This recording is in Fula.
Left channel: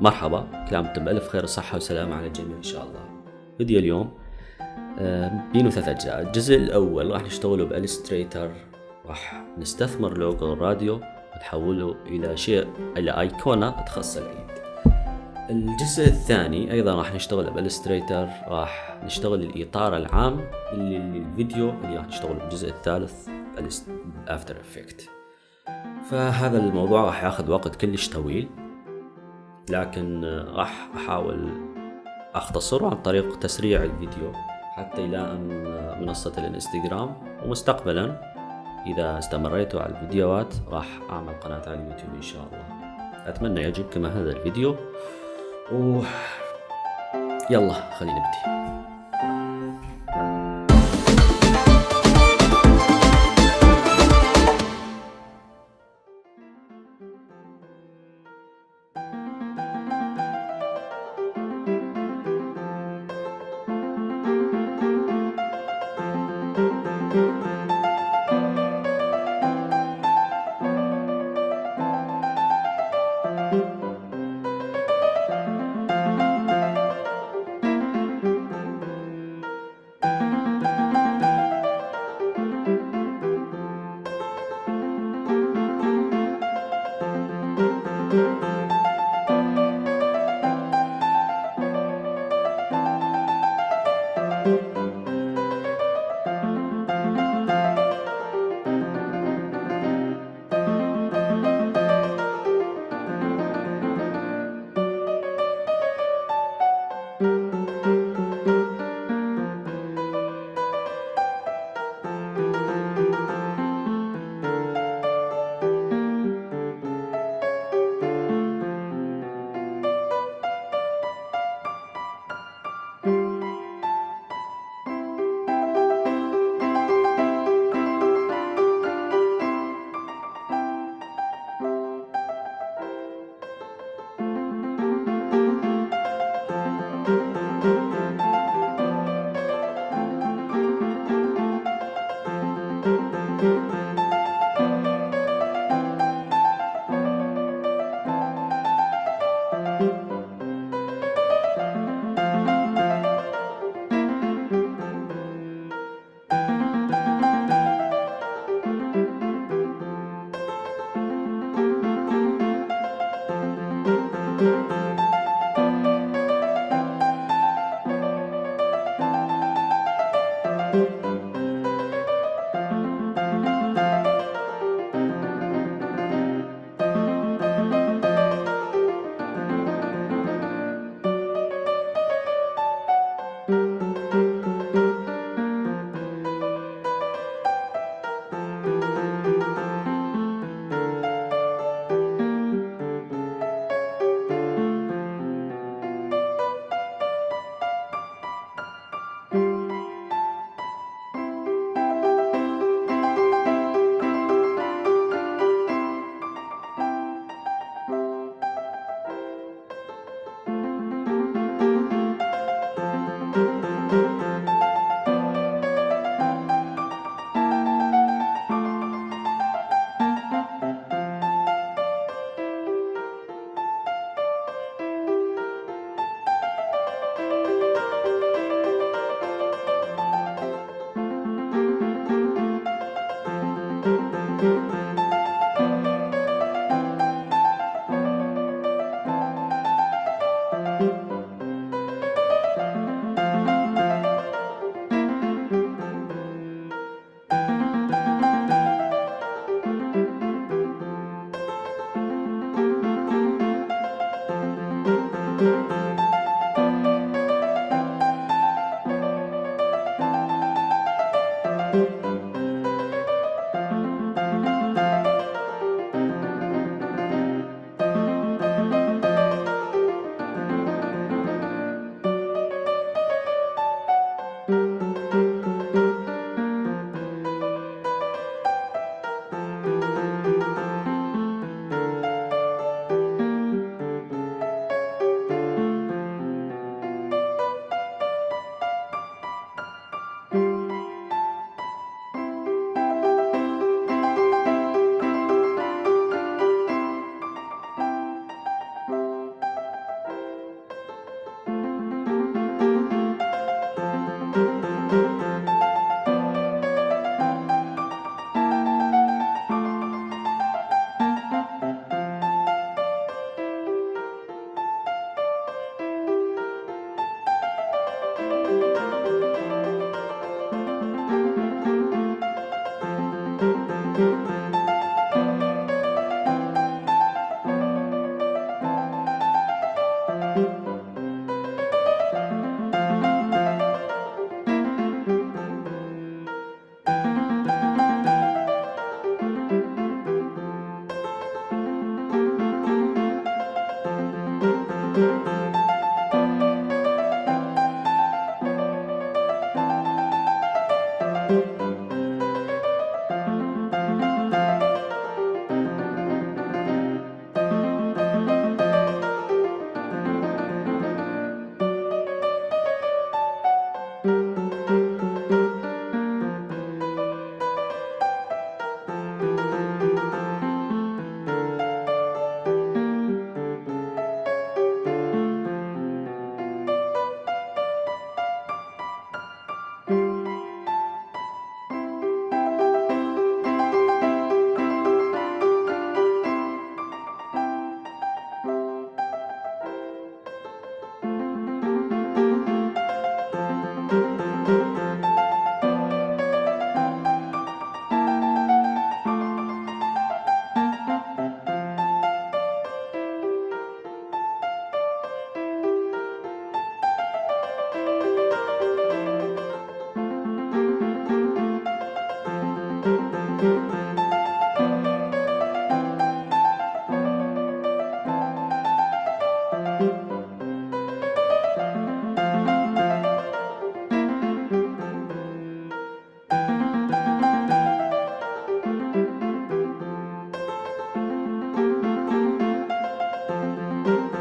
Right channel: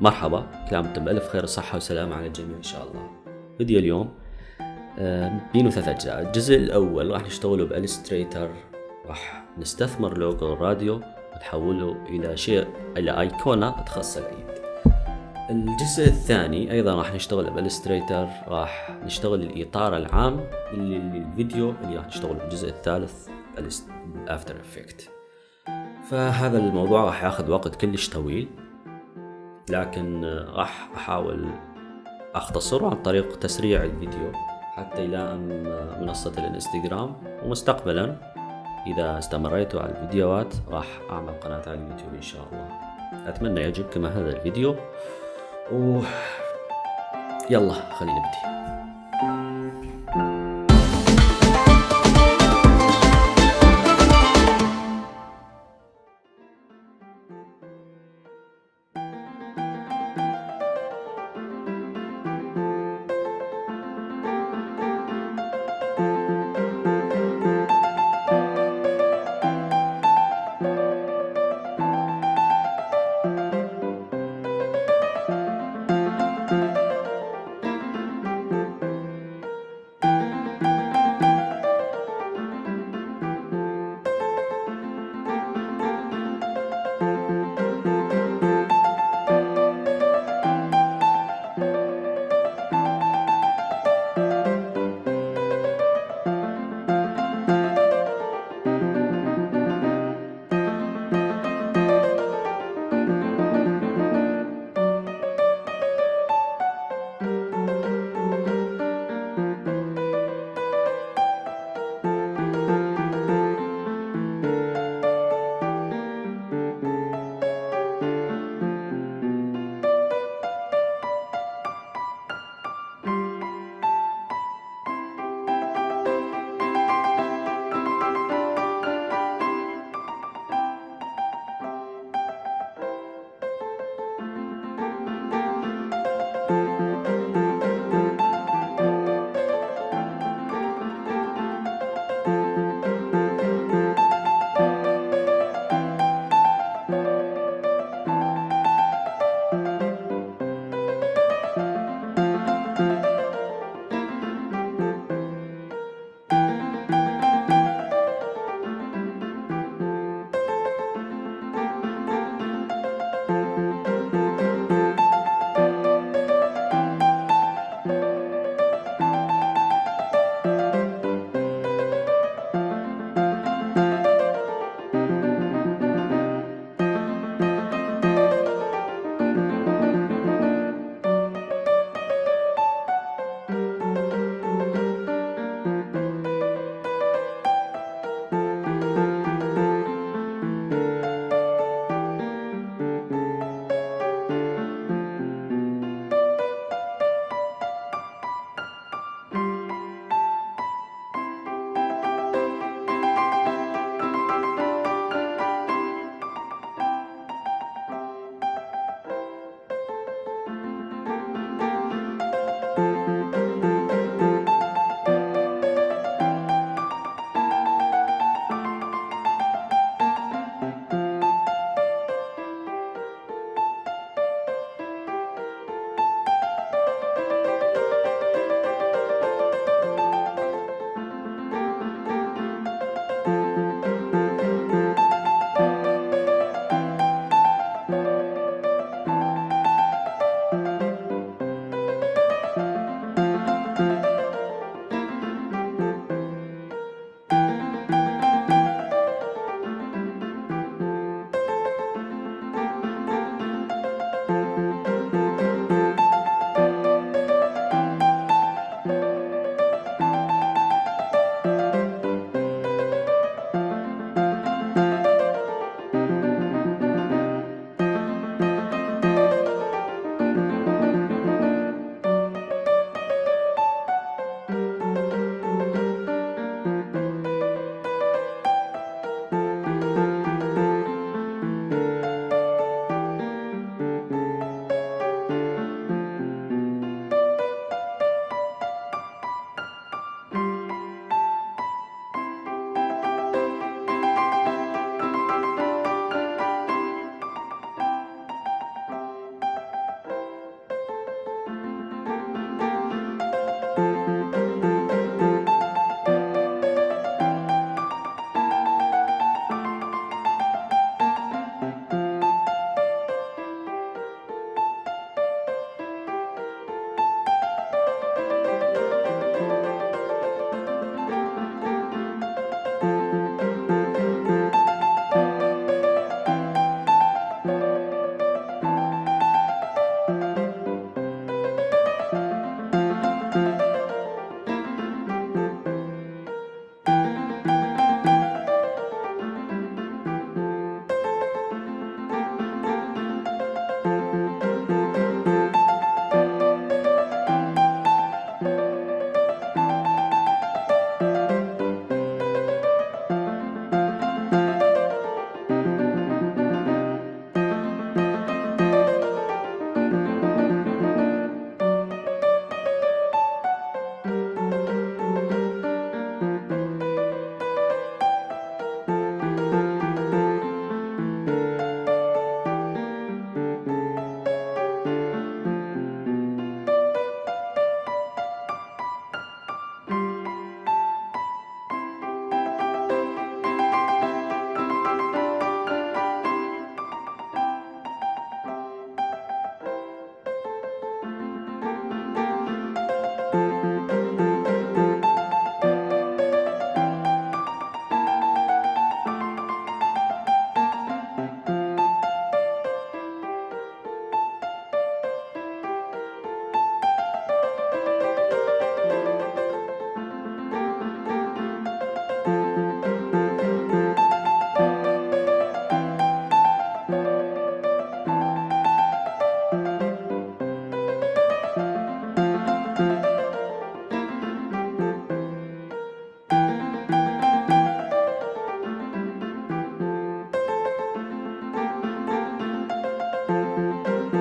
مرحبا، كل عام وانتم بألف خير وصحة وسلامة على الجميع إن شاء الله. فيديو اليوم بينه 3 أجزاء. الجزء الأول راح نشتغله بالإلستريتر، راح نستثمر لوجو الراديو ونحوله إلى أيقونة تخص العيد. الجزء الثاني أيضا راح نشتغل بالإلستريتر، راح نشتغل الإطار العام للفيديو اللي راح نشتغله بالجزء الثالث بالأفتر إفكت. فهذا الموضوع راح ياخذ وقت كلش طويل، لكن راح أحاول أختصره عن طريق تسريع الفيديو حتى يلائم منصة الانستكرام، ومستقبلا إذا استمريتوا على الفيديوهات راح أعمل قناة على اليوتيوب إن شاء الله. أتمنى يعجبكم هذا الفيديو، يلا خلينا نبدي. الله.